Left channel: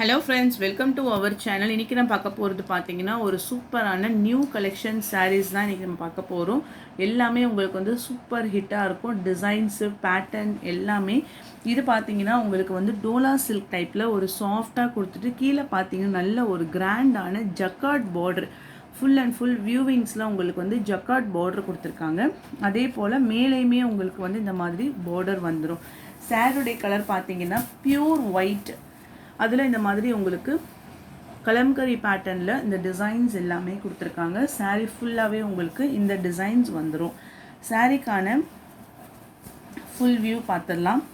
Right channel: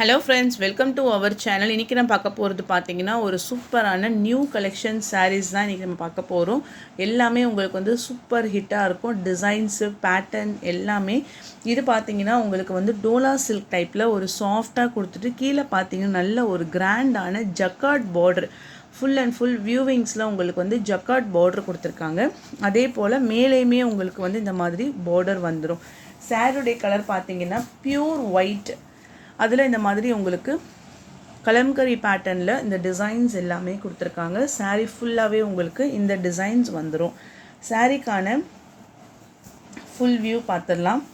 Hello friends, welcome to our channel. இன்றைக்கி நான் பார்க்க போகிறது பார்த்தீங்கன்னா ஒரு சூப்பரான நியூ கலெக்ஷன் சாரீஸ் தான் இன்றைக்கி நம்ம பார்க்க போகிறோம். எல்லாமே உங்களுக்கு வந்து சூப்பர் ஹிட்டாக இருக்கும். டிசைன்ஸு, பேட்டர்ன் எல்லாமே. இது பார்த்தீங்கன்னா உங்களுக்கு வந்து டோலா சில்க் டைப்பில் ஒரு சாஃப்டாக கொடுத்துட்டு கீழே பார்த்தீங்கன்னா நல்ல ஒரு கிராண்டான jacquard border, full and full வியூவிங்ஸில் உங்களுக்கு வந்து ஜக்கார்ட் பார்டர் கொடுத்துருக்காங்க. அதே போல் மேலேயுமே உங்களுக்கு வந்து இந்த மாதிரி பார்டர் வந்துடும். சாரியுடைய கலர் பார்த்தீங்கன்னா பியூர் ஒயிட், அதில் இந்த மாதிரி உங்களுக்கு கலம்கரி பேட்டர்னில் இந்த டிசைன்ஸ் எல்லாமே கொடுத்துருக்காங்க. சாரீ ஃபுல்லாகவே உங்களுக்கு இந்த டிசைன்ஸ் வந்துடும். சாரீக்கான ஃபுல் வியூ பார்த்துடலாம்.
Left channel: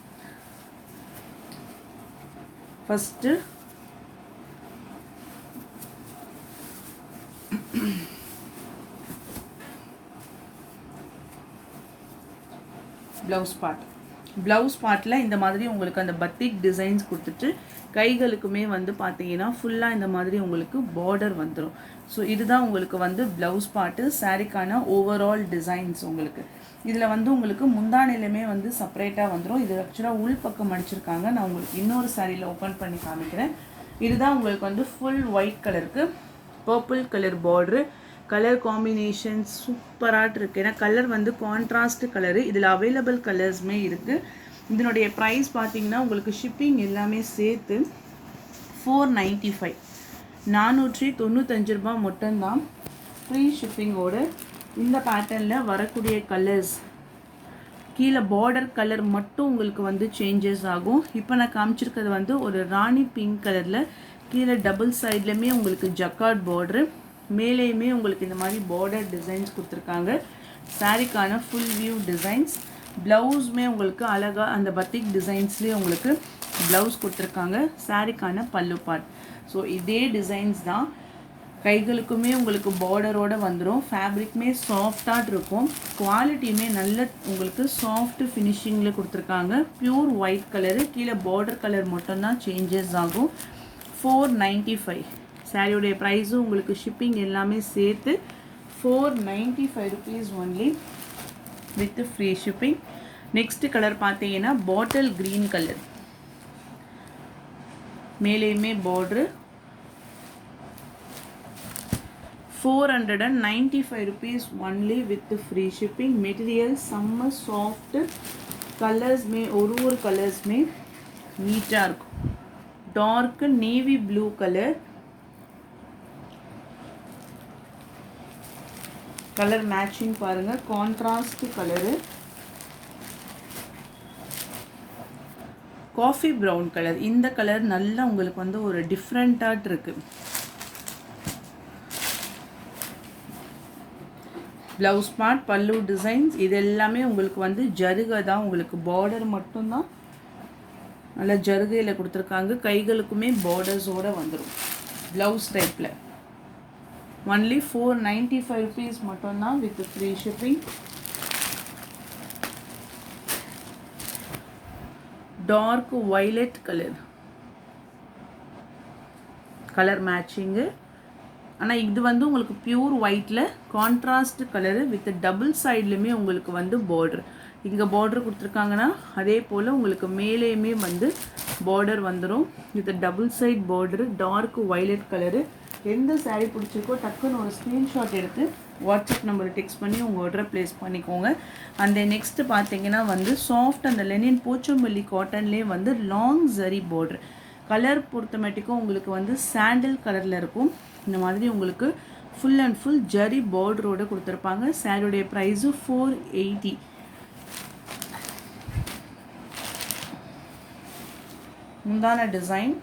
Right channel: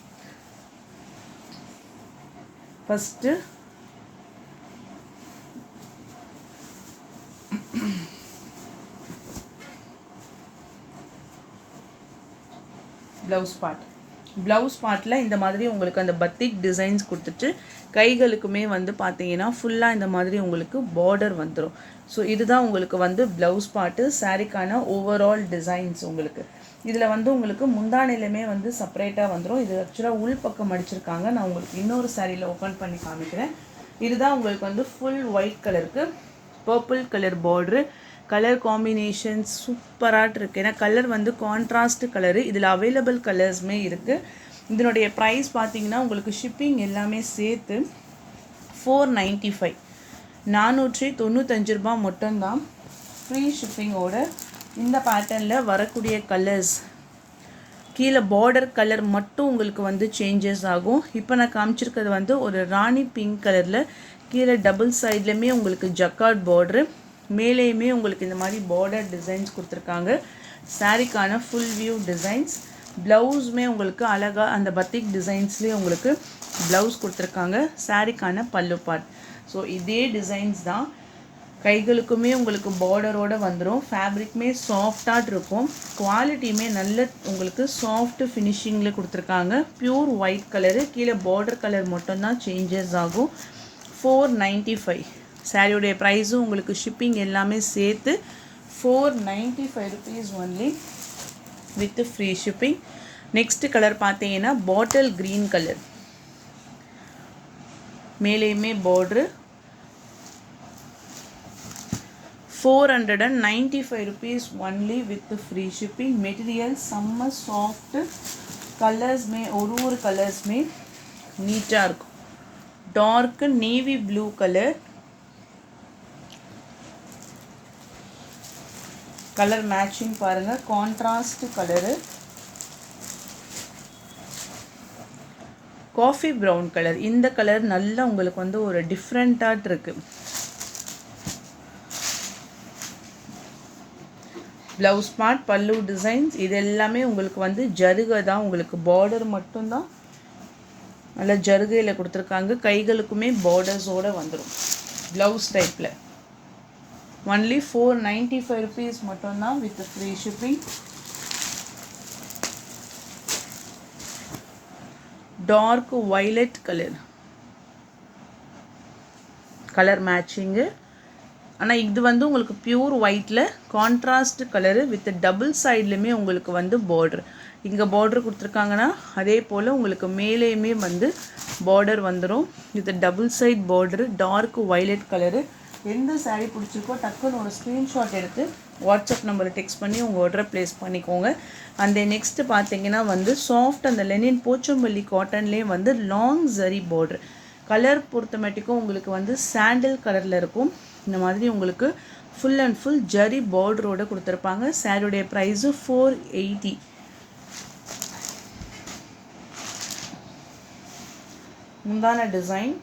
ஃபஸ்ட்டு ப்ளவுஸ் பார்ட்டில் இந்த மாதிரி உங்களுக்கு அந்த பத்திக் டிசைன்ஸ் கொடுத்துட்டு கைகளுக்குமே வந்து பார்த்தீங்கன்னா ஃபுல்லாக இந்த மாதிரி உங்களுக்கு பார்டர் வந்துடும். ஸோ இதுதான் உங்களுக்கு வந்து ப்ளவுஸ் பார்ட்டு. சாரீக்கான ஓவரால் டிசைன்ஸ் உங்களுக்கு இதில் வந்து உங்களுக்கு முந்தானிலுமே வந்து செப்பரேட்டாக வந்துடும். இது ஆக்சுவலாக உள் பக்கம் அடிச்சிருக்காங்க. நான் உங்களுக்கு இன்னொரு சாரியில் ஓப்பன் பண்ணி காமிக்கிறேன். இதுதான் உங்களுக்கு வந்து ஃபுல் ஒயிட் கலருக்கு purple colour border. Colour combinations சூப்பராக இருக்குது. ஏன்னா கலர் வந்து கான்ட்ராஸ்ட் கலரு. இதில் அவைலபிள் கலர்ஸுமே இருக்குது. இதனுடைய ப்ரைஸ் பார்த்தீங்கன்னா உங்களுக்கு ஷிப்பிங் எல்லாமே சேர்த்து 495, 495 ரூபா மட்டும்தான் ஃப்ரீ ஷிப்பிங்கோட. இந்த பேட்டர்னில் வரக்கூடிய கலர்ஸ் கீழே பார்டர் கலர் மட்டும் உங்களுக்கு வந்து சேஞ்சஸ் ஆகும். இப்போ நான் காமிச்சிருக்கிறது வந்து ஒரு ராணி பிங்க் கலரில் கீழே டபுள் சைட்லேயுமே உங்களுக்கு ஜக்கார்ட் பார்டரு, மேலேயுமே உங்களுக்கு இந்த மாதிரி பார்டர் டிசைன்ஸ் கொடுத்துருக்காங்க. சாரீக்கான ஃபுல் வியூ டிசைன்ஸ். ப்ளவுஸுமே உங்களுக்கு அழகாக அந்த பத்திக் டிசைன்ஸ்லேயே உங்களுக்கு ப்ளவுஸ் கொடுத்துருக்காங்க. சாரீக்கான பல்லு பார்ட். ஸோ இதே டிசைன்ஸ் தான் கைகளுக்குமே உங்களுக்கு பார்டரோடு வந்துடும். ஃபேப்ரிக்குமே சாஃப்டாக இருக்கும். குவாலிட்டியுமே நல்ல உங்களுக்கு சாஃப்ட் ஃபினிஷிங்கில் கொடுத்துருக்காங்க. பியூர் ஒயிட் கலரு, கீழே பார்டர் கலர் மட்டும்தான் சேஞ்சஸ் ஆகும். 495 சாரியுடைய ப்ரைஸும் உங்களுக்கு ஷிப்பிங் எல்லாமே சேர்த்து 495 rupees only with free shipping. Next colour பார்த்தீங்கன்னா பாட்டில் க்ரீன் கலர், மேலேயுமே border. 495 rupees only with free shipping. Material செம்ம சாஃப்ட். கலர்ஸ்மே ஒரு கலர்ஸ்மே நீட்டாக இருக்கும். Dark navy blue colour, colour matching பாருங்கள், contrast colour. Coffee brown colour, இந்த கலர் நல்லா உங்களுக்கு வந்து ஒரு டிஃப்ரெண்ட்டாக இருக்குது. ப்ளவுஸ் பார்ட், பல்லு டிசைன்ஸ் இது எல்லாமே உங்களுக்கு வந்து ஜருகை தான். உங்களுக்கு பார்டர் மட்டும்தான் நல்லா ஜருகையில் கொடுத்துருக்காங்க. கைகளுக்குமே பார்டர்ஸோடு வந்துடும். ப்ளவுஸ் டைப்பில் ஒன்லி 495 rupees மட்டும்தான் with free shipping. Dark violet colour, colour matching. ஆனால் இது வந்து உங்களுக்கு பியூர் ஒயிட்டில் கான்ட்ராஸ்ட் கலரு வித் டபுள் சைட்லையுமே உங்களுக்கு வந்து பார்டர். இங்கே பார்டர் கொடுத்துருக்காங்கன்னா அதே போல் உங்களுக்கு மேலேயுமே வந்து பார்டர் வந்துடும் with double side border. Dark violet colour. எந்த சாரீ பிடிச்சிருக்கோ டக்குன்னு ஒரு ஸ்க்ரீன்ஷாட் எடுத்து வாட்ஸ்அப் நம்பருக்கு டெக்ஸ்ட் பண்ணி உங்கள் ஆர்டரை ப்ளேஸ் பண்ணிக்கோங்க. அந்த நெக்ஸ்ட்டு பார்த்தீங்கன்னா வந்து சாஃப்ட் அந்த லெனின் போச்சம்பள்ளி காட்டன்லேயே வந்து லாங் ஜரி பார்டர். கலர் பொறுத்தமேட்டிக்கும் உங்களுக்கு வந்து சாண்டில் கலரில் இருக்கும். இந்த மாதிரி உங்களுக்கு ஃபுல் அண்ட் ஃபுல் ஜரி பார்டரோடு கொடுத்துருப்பாங்க. சாரியுடைய ப்ரைஸு 480. முந்தான டிசைன்,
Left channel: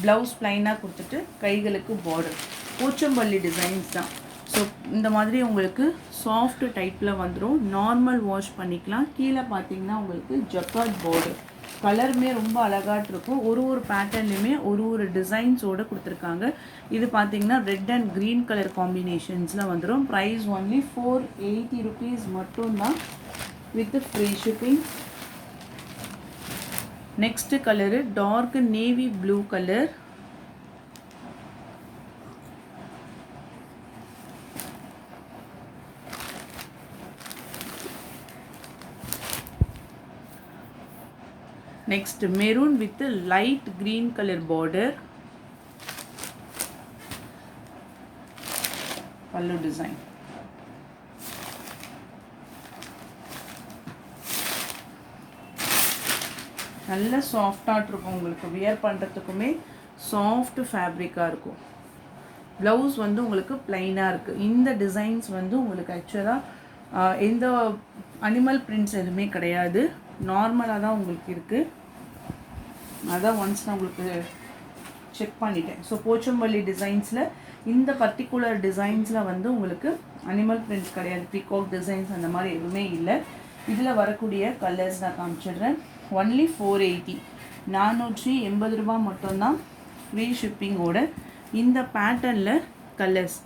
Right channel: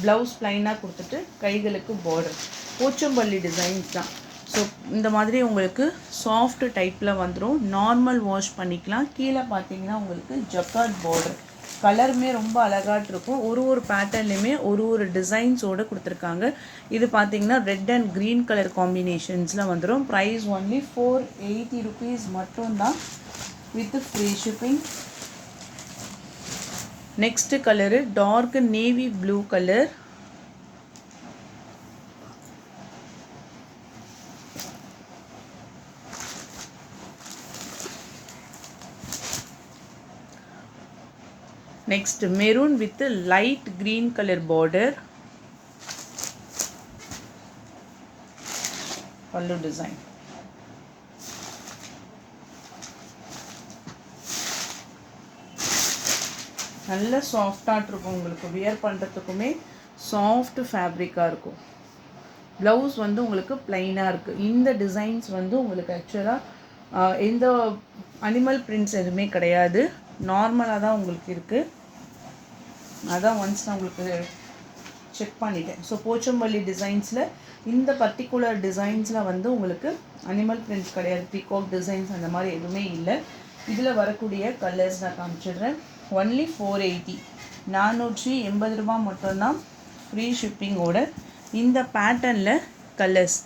ப்ளவுஸ் ப்ளைனாக கொடுத்துட்டு கைகளுக்கு பார்டர். போச்சம்பள்ளி டிசைன்ஸ் தான். ஸோ இந்த மாதிரி உங்களுக்கு சாஃப்ட் டைப்பில் வந்துடும். நார்மல் வாஷ் பண்ணிக்கலாம். கீழே பார்த்தீங்கன்னா உங்களுக்கு ஜக்கார்ட் பார்டர். கலருமே ரொம்ப அழகாக இருக்கும். ஒரு பேட்டர்ன்லையுமே ஒரு டிசைன்ஸோடு கொடுத்துருக்காங்க. இது பார்த்தீங்கன்னா ரெட் அண்ட் க்ரீன் கலர் காம்பினேஷன்ஸில் வந்துடும். ப்ரைஸ் ஒன்லி 480 rupees மட்டும்தான் with free shipping. Next colour dark navy blue colour, Next maroon with light green color border. Pallu design. நல்ல சாஃப்டாக இருக்கும், உங்களுக்கு வியர் பண்ணுறதுக்குமே சாஃப்ட் ஃபேப்ரிக்காக இருக்கும். ப்ளவுஸ் வந்து உங்களுக்கு பிளைனாக இருக்குது. இந்த டிசைன்ஸ் வந்து உங்களுக்கு ஆக்சுவலாக எந்த அனிமல் பிரிண்ட்ஸ் எதுவுமே கிடையாது, நார்மலாக தான் உங்களுக்கு இருக்குது. அதான் ஒன்ஸ் நான் உங்களுக்கு செக் பண்ணிட்டேன். ஸோ போச்சம்பள்ளி டிசைன்ஸில் இந்த பர்டிகுலர் டிசைன்ஸில் வந்து உங்களுக்கு அனிமல் பிரிண்ட்ஸ் கிடையாது, பீகாக் டிசைன்ஸ் அந்த மாதிரி எதுவுமே இல்லை. இதில் வரக்கூடிய கலர்ஸ் நான் காமிச்சிடுறேன். ஒன்லி 480, 480 ரூபா மட்டும்தான் ஃப்ரீ ஷிப்பிங்கோட. இந்த பேட்டர்னில் கலர்ஸ்,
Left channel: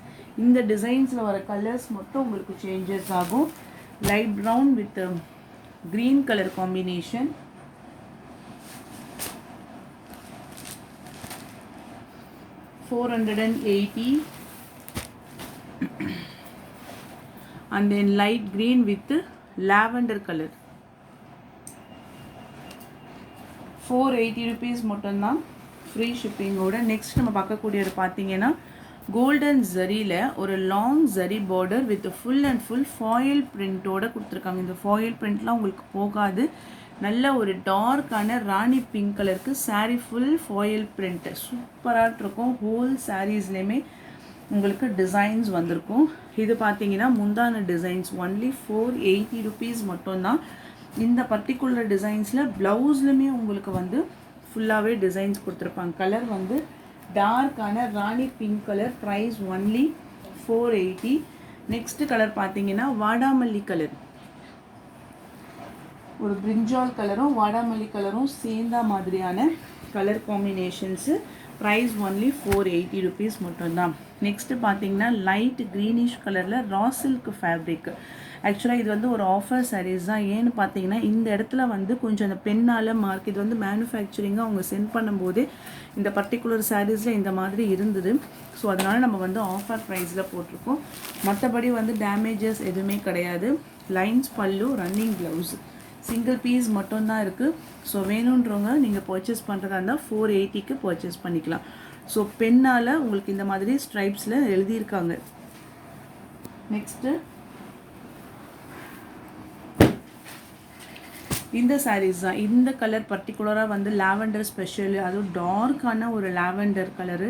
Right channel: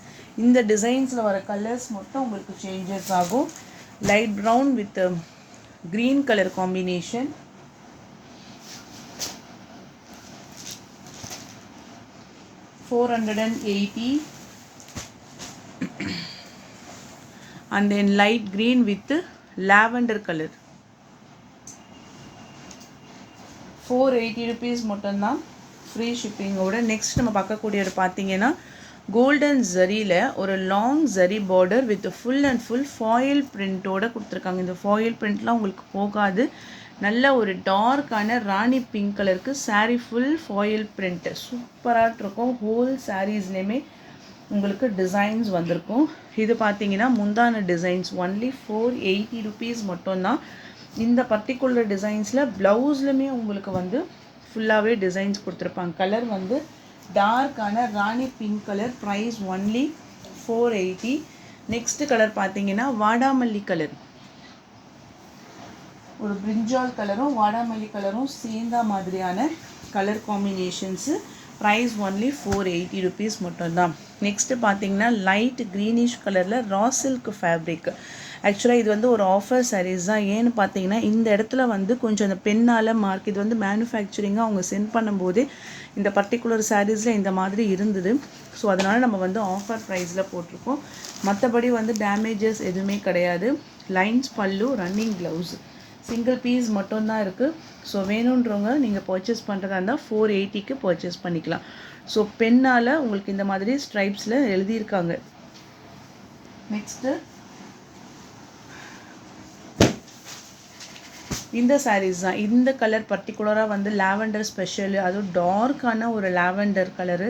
இந்த டிசைன்ஸில் வர கலர்ஸ் மட்டும் உங்களுக்கு சேஞ்சஸ் ஆகும். Light brown with green colour combination, $480, and then light green with lavender color, 480 rupees மட்டும்தான் ஃப்ரீ ஷிப்பிங்கோட. நெக்ஸ்ட் நம்ம பார்க்கக்கூடியது பார்த்தீங்கன்னா கோல்டன் ஜரியில் ஒரு long zari border with full and full foil பிரிண்ட்டோடு கொடுத்துருக்காங்க. இந்த ஃபாயில் பிரிண்ட்லாம் உங்களுக்கு போகாது. நல்ல ஒரு டார்க்கான ராணி பிங்க் கலருக்கு சாரீ ஃபுல் ஃபாயில் பிரிண்ட்டு சூப்பராக இருக்கும். ஹோல் சாரீஸ்லேயுமே உங்களுக்கு டிசைன்ஸ் வந்திருக்கும். இது பார்த்தீங்கன்னா முந்தான டிசைன்ஸ். ஒன்லி 480 rupees மட்டும்தான். இந்த பர்டிகுலர் டிசைன்ஸில் ப்ளவுஸ்லுமே உங்களுக்கு வந்து ஃபுல்லாகவே டிசைன்ஸ் கொடுத்துருப்பாங்க. கலர் வந்து டார்க்கான rani pink colour, price only 480. Next colour பார்த்தீங்கன்னா வாடாமல்லி கலர், ஒரு பிரிஞ்சால் கலரும் வாடாமல்லி கலரும் சேர்ந்த மாதிரியான colour combinations. Price only 480 rupees மட்டும்தான். நெக்ஸ்ட்டு பார்த்தீங்கன்னா லைட் க்ரீனிஷ் கலரில் ரா சில்க் ஃபேப்ரிக். ஆக்சுவலாக இது வந்து ஒரு ஆஃபர் சாரீஸ் தான். ஏன்னு பார்த்தீங்கன்னா இந்த இடத்துல வந்து கொஞ்சம் அந்த பெண்ணால் மார்க், இது வந்து மேனுஃபேக்சரிங்காக அவங்க சென்ட் பண்ணும்போதே இந்த பர்டிகுலர் சாரீஸில் இந்த மாதிரி இருந்தது. ஸோ அதனால் நம்ம வந்து ஆஃபர் ப்ரைஸில் போட்டிருக்கோம். மற்றபடி வந்து டேமேஜஸ் எதுவுமே கிடையாது. லைன்ஸ் பல்லு, ரன்னிங் ப்ளவுஸ், சிங்கிள் பீஸ் மட்டும்தான் இருக்குது. ஸோ வேணுன்றவங்க நீங்கள் பர்ச்சேஸ் பண்ணுறதா இருந்தால் 480க்கு பர்ச்சேஸ் பண்ணிக்கலாம். ஸோ பெண்ணால் உங்களுக்கு இந்த மாதிரி ஸ்ட்ரைப்ஸில் எழுதியிருக்காங்க. நெக்ஸ்ட்டு இந்த சாரீஸ் தான். இந்த கலர் பர்டிகுலராக வந்து லாவெண்டர் ஸ்பெஷல், அதுவும் டார்க்கான ஒரு லாவெண்டர் கலரு.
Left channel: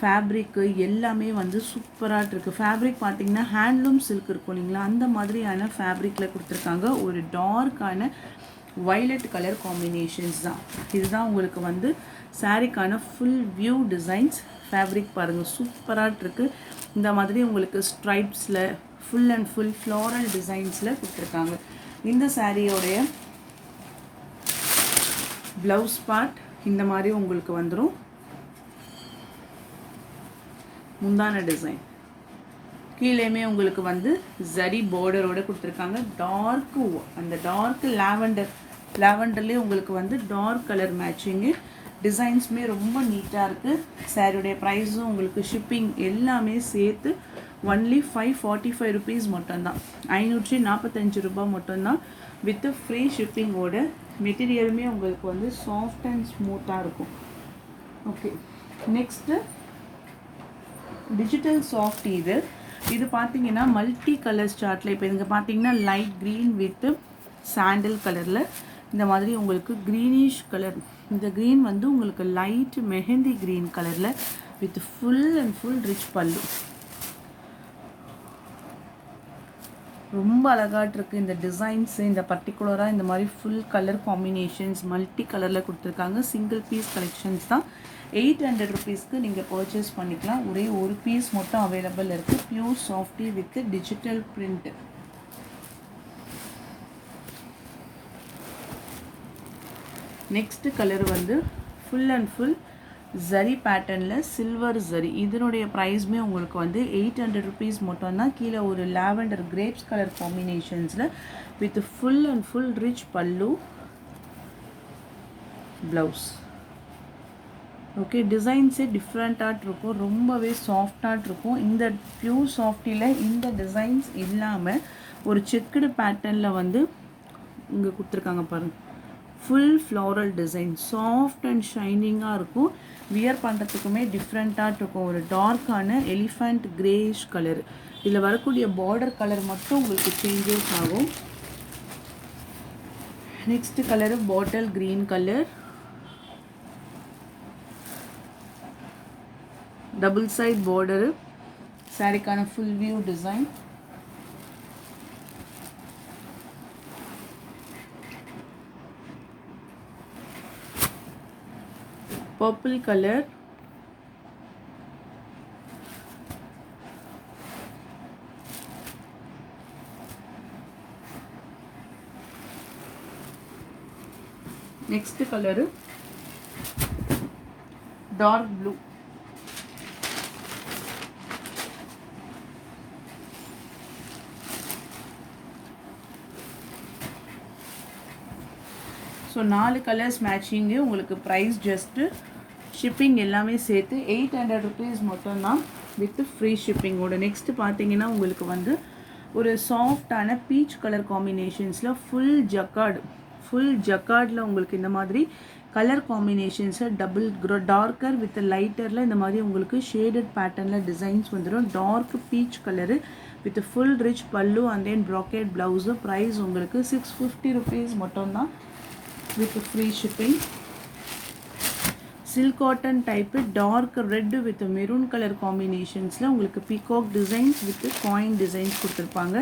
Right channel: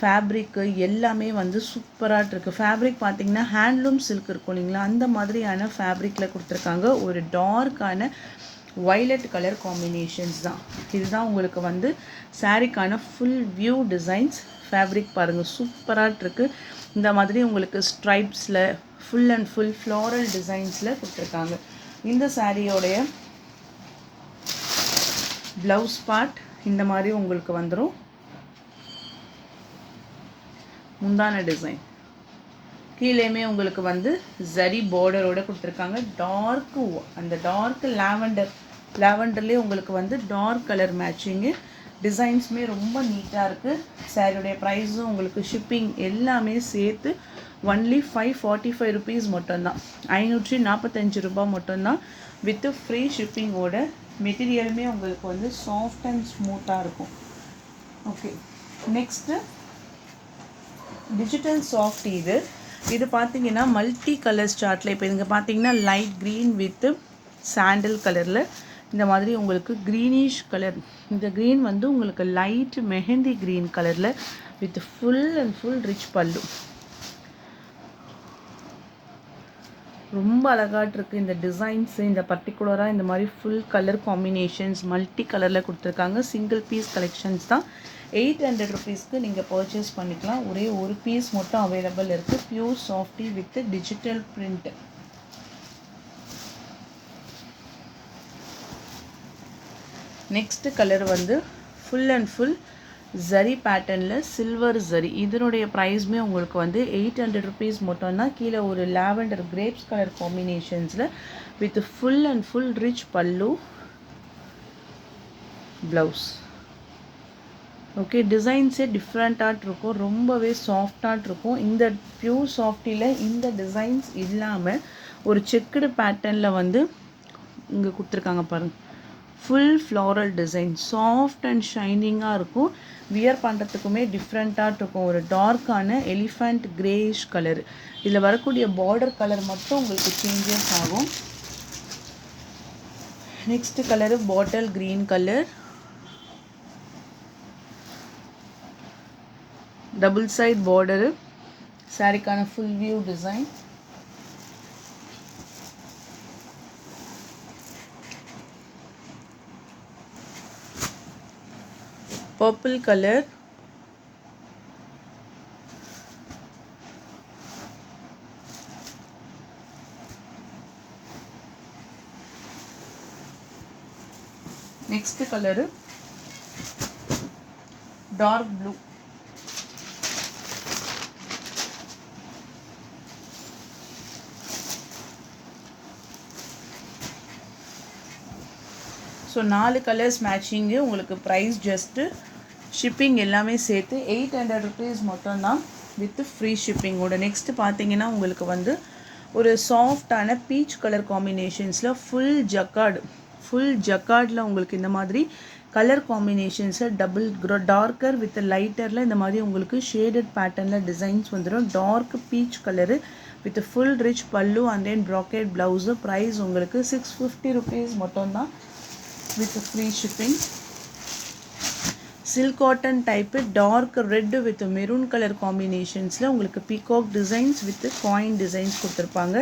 ஃபேப்ரிக்கு எல்லாமே வந்து சூப்பராக இருக்குது. ஃபேப்ரிக் பார்த்திங்கன்னா ஹேண்ட்லூம் சில்க் இருக்கும் இல்லைங்களா, அந்த மாதிரியான ஃபேப்ரிக்கில் கொடுத்துருக்காங்க. ஒரு டார்க்கான வைலட் கலர் காம்பினேஷன்ஸ் தான். இதுதான் உங்களுக்கு வந்து சாரீக்கான ஃபுல் வியூ டிசைன்ஸ். ஃபேப்ரிக் பாருங்கள் சூப்பராக இருக்குது. இந்த மாதிரி உங்களுக்கு ஸ்ட்ரைப்ஸில் ஃபுல் அண்ட் ஃபுல் ஃப்ளாரல் டிசைன்ஸில் கொடுத்துருக்காங்க. இந்த சாரியோடைய ப்ளவுஸ் பார்ட் இந்த மாதிரி உங்களுக்கு வந்துடும். முந்தான டிசைன் கீழேயுமே உங்களுக்கு வந்து ஜரி பார்டரோட கொடுத்துருக்காங்க. டார்க்கு, அந்த டார்க் லாவெண்டர்லேயே உங்களுக்கு வந்து டார்க் கலர் மேட்சிங்கு. டிசைன்ஸுமே ரொம்ப நீட்டாக இருக்குது. சாரியுடைய ப்ரைஸும் உங்களுக்கு ஷிப்பிங் எல்லாமே சேர்த்து ஒன்லி 545 rupees மட்டும்தான். 545 ரூபாய் மட்டும்தான் வித் ஃப்ரீ ஷிப்பிங்கோட. மெட்டீரியலுமே உங்களுக்கு வந்து சாஃப்ட் அண்ட் ஸ்மூத்தாக இருக்கும். Okay, next digital soft. இது பார்த்தீங்கன்னா மல்டி கலர்ஸ் சார்ட்டில் இப்போ இங்கே பார்த்தீங்கன்னா லைட் க்ரீன் வித் சாண்டில் கலரில் இந்த மாதிரி உங்களுக்கு க்ரீனிஷ் கலர். இந்த க்ரீன் வந்து உங்களுக்கு லைட் மெஹந்தி க்ரீன் கலரில் with full and full rich பல்லு. ரொம்ப அழகாக இருக்குது இந்த டிசைன்ஸு. இந்த பர்டிகுலராக இந்த மாதிரி ஃபுல் கலர் காம்பினேஷன்ஸ் மல்டி கலரில் கொடுத்துருக்காங்க. சிங்கிள் பீஸ் கலெக்ஷன்ஸ் தான். 800 rupeesக்கு நீங்கள் பர்ச்சேஸ் பண்ணிக்கலாம். ஒரே ஒரு பீஸ் மட்டும் அவைலபிள் இருக்குது. Pure softy with digital print. Next colour வந்து ஃபுல் அண்ட் ஃபுல் ஜரி பேட்டர்னில் சில்வர் ஜரி. இதனுடைய ப்ரைஸுமே உங்களுக்கு வந்து 800 rupees மட்டும்தான். கீழே ஒரு லாவெண்டர் கிரேப்ஸ் கலர் காம்பினேஷன்ஸில் with full and full rich pallu, blouse. Okay, டிசைன்ஸே டிஃப்ரெண்ட்டாக இருக்கும், ரொம்பவே சாஃப்டாக இருக்கும். இந்த பியூர் சாஃப்டியில் இந்த டிசைன்ஸ் இல்லாமல் ஒரு செக்குடு பேட்டர்னில் வந்து இங்கே கொடுத்துருக்காங்க பாருங்கள். Full floral design, soft and ஷைனிங்காக இருக்கும். வியர் பண்ணுறதுக்குமே டிஃப்ரெண்ட்டாக இருக்கும். ஒரு டார்க்கான எலிஃபண்ட் கிரேயிஷ் கலர். இதில் வரக்கூடிய பார்டர் கலர் மட்டும் உங்களுக்கு சேஞ்சஸ் ஆகும். Next colour bottle green colour, double side border, சாரிக்கான full view design. Purple colour, next colour dark blue. So 4 colours matching. உங்களுக்கு ப்ரைஸ் ஜஸ்ட்டு ஷிப்பிங் எல்லாமே சேர்த்து 800 rupees மட்டும்தான் வித் ஃப்ரீ ஷிப்பிங்கோட. நெக்ஸ்ட்டு பார்த்தீங்கன்னா உங்களுக்கு வந்து ஒரு சாஃப்டான பீச் கலர் காம்பினேஷன்ஸில் ஃபுல் ஜக்கார்டில் உங்களுக்கு இந்த மாதிரி கலர் காம்பினேஷன்ஸை டபுள் டார்க்கர் வித் லைட்டரில் இந்த மாதிரி உங்களுக்கு ஷேடட் பேட்டர்னில் டிசைன்ஸ் வந்துடும். Dark peach colour with full rich pallu and then bracket blouse. Price உங்களுக்கு 650 rupees மட்டும்தான் with free shipping. Silk cotton type dark red with maroon colour காம்பினேஷன்ஸில் உங்களுக்கு peacock designs with coin designs கொடுத்துருப்பாங்க.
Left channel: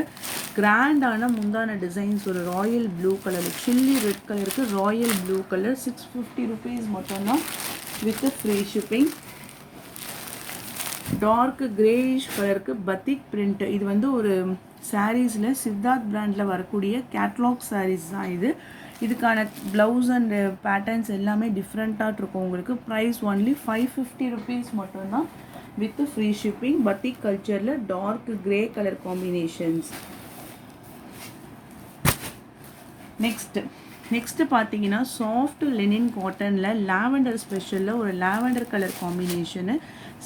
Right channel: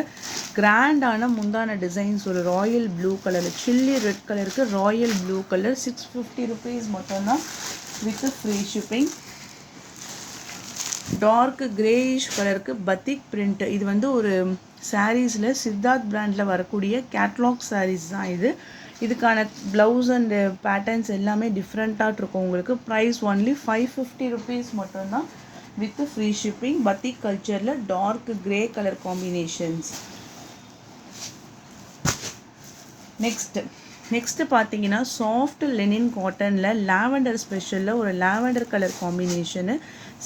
கிராண்டான முந்தான டிசைன்ஸ் ஒரு royal blue colour, chilli red கலருக்கு Royal blue colour. 650 rupees மட்டும்தான் with free shipping. Dark greyish கலருக்கு batik print. இது வந்து ஒரு சாரீஸில் சித்தார்த் பிராண்டில் வரக்கூடிய கேட்லாக் சாரீஸ் தான் இது. இதுக்கான ப்ளவுஸ் அண்ட் பேட்டர்ன்ஸ் எல்லாமே டிஃப்ரெண்ட்டாக இருக்கும். உங்களுக்கு ப்ரைஸ் ஒன்லி 550 rupees மட்டும்தான் வித் ஃப்ரீ ஷிப்பிங். பத்திக் கல்ச்சரில் டார்க் கிரே கலர் காம்பினேஷன்ஸ். நெக்ஸ்ட்டு பார்த்தீங்கன்னா சாஃப்ட் லெனின் காட்டனில் லாவெண்டர் ஸ்பெஷலில் ஒரு lavender colour combination.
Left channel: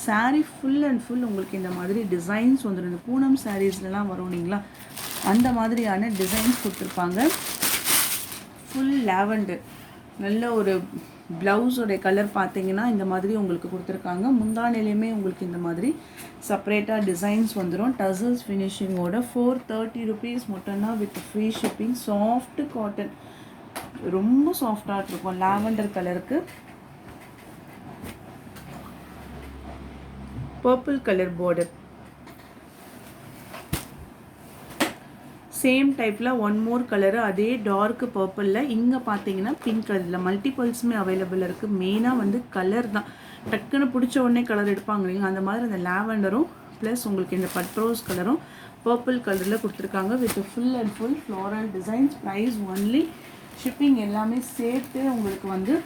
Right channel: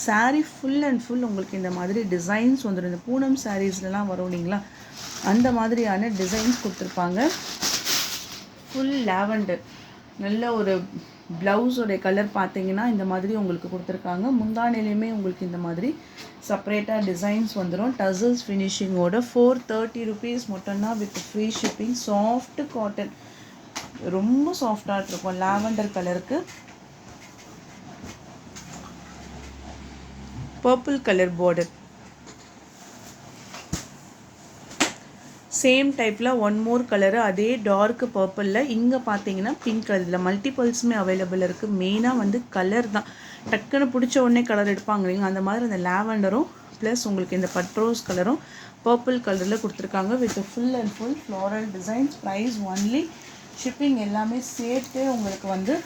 Sari full and full உங்களுக்கு இந்த மாதிரி டிசைன்ஸ் வந்துடும். இந்த பூனம் சாரீஸ்லாம் வரும் இல்லைங்களா, அந்த மாதிரியான டிசைன்ஸ் கொடுத்துருப்பாங்க. Full lavender. நல்ல ஒரு ப்ளவுஸோடைய கலர் பார்த்தீங்கன்னா இந்த மாதிரி உங்களுக்கு கொடுத்துருக்காங்க. முந்தானிலையுமே உங்களுக்கு இந்த மாதிரி செப்பரேட்டாக டிசைன்ஸ் வந்துடும். டசல்ஸ் ஃபினிஷிங்கோட 430 rupees மட்டும்தான் with free shipping. Soft cotton, ரொம்ப சாஃப்டாக இருக்கும். லாவெண்டர் கலருக்கு பர்பிள் கலர் பார்டர். சேம் டைப்பில் ஒன் மோர் கலரு அதே டார்க் பர்பிளில். இங்கே பார்த்தீங்கன்னா பிங்க் கலரில் மல்டிபல்ஸுமே அவைலபிள் இருக்குது. மெயினாக வந்து கலர் தான், டக்குன்னு பிடிச்ச உடனே கலர் எடுப்பாங்க இல்லைங்க, அந்த மாதிரி அந்த லாவெண்டரும் ப்ளஸ் உங்களுக்கு இந்த பட்ரோஸ் கலரும் பர்பிள் கலரில் கொடுத்துருக்காங்க with full and full floral designs. Price only shipping எல்லாமே சேர்த்து உங்களுக்கு வந்து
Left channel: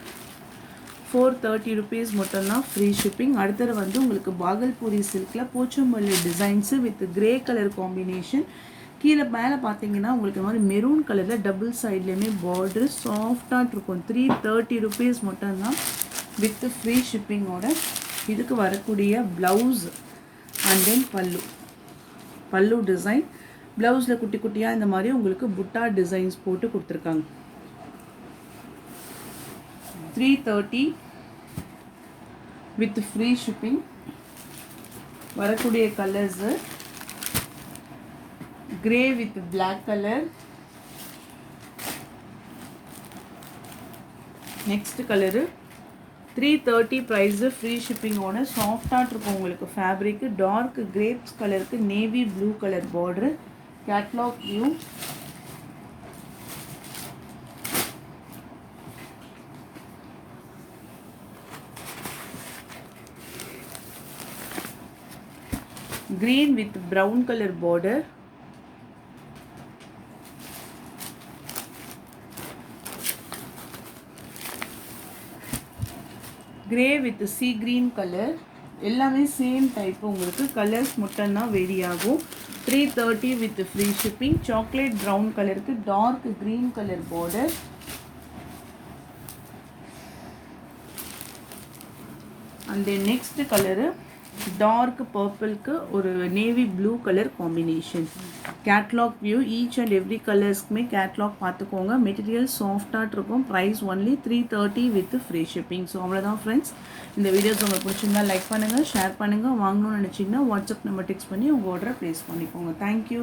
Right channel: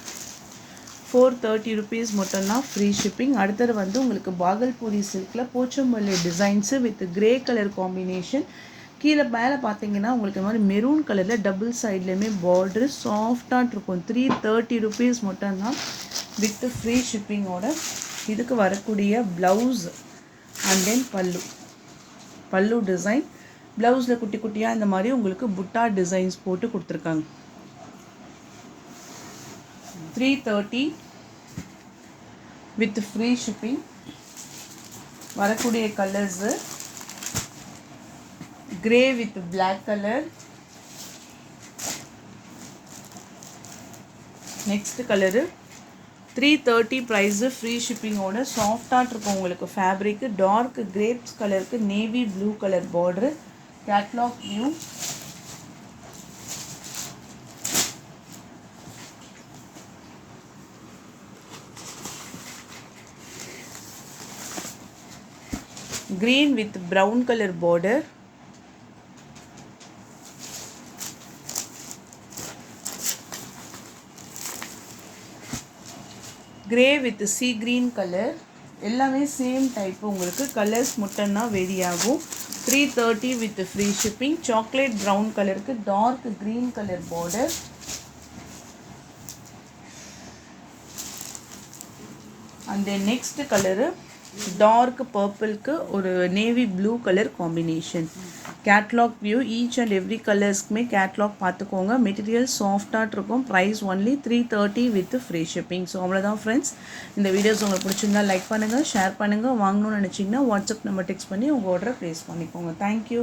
430 rupees மட்டும்தான் ஃப்ரீ ஷிப்பிங். அடுத்தது வந்து உங்களுக்கு பாகல்பூரி சில்கில் Pochampally designs with grey colour combination. கீழே மேலே பார்த்தீங்கன்னா உங்களுக்கு இந்த மாதிரி மெரூன் கலரில் டபுள் சைட்லேயுமே பார்டரு சாஃப்டாக இருக்கும். 330 rupees மட்டும்தான் வித் ஃப்ரீ ஷிப்பிங்கோட. இதுக்கு வரக்கூடிய ப்ளவுஸ் அண்ட் தென் பல்லு டிசைன். ப்ளவுஸில் குட்டி குட்டியாக இந்த மாதிரி உங்களுக்கு புட்டா டிசைன்ஸ் போட்டு கொடுத்துருக்காங்க. 330 வித் ஃப்ரீ ஷிப்பிங். வரக்கூடிய colours grey with black color. next color 330 price free shipping ஓட. சாஃப்டாக இருக்கும் உங்களுக்கு ஃபேப்ரிக். டார்க் கிரேப்ஸ் கலருக்கு navy blue colour border. Catalogue view. green with brown color border. grey with sea green color. எல்லாமே same type. உங்களுக்கு colours மட்டும்தான் vary ஆகும். 330 with free shipping. Chocolate brown கலருக்கு டார்க் க்ரீன் கலர் பார்டர். அந்த next colour dark பர்பிள்க்கு ஒரு navy blue colour combination. Catalogue view each and every கலர்ஸ்க்குமே catalogue பார்த்துக்கோங்க. மெட்டீரியல் சாஃப்டாக இருக்கும். Price only 330 with free shipping. So அவ்வளோதான் ஃப்ரெண்ட்ஸ். இந்த வீடியோஸ் உங்களுக்கு பிடிச்சிருந்தா லைக் பண்ணுங்கள், ஷேர் பண்ணுங்கள். வாங்கணும்னு நினச்சிங்கன்னா வாட்ஸ்அப் நம்பர் டெக்ஸ்ட் பண்ணி உங்கள் ஆர்டரை ப்ளேஸ் பண்ணிக்கோங்க. தேங்க்யூ.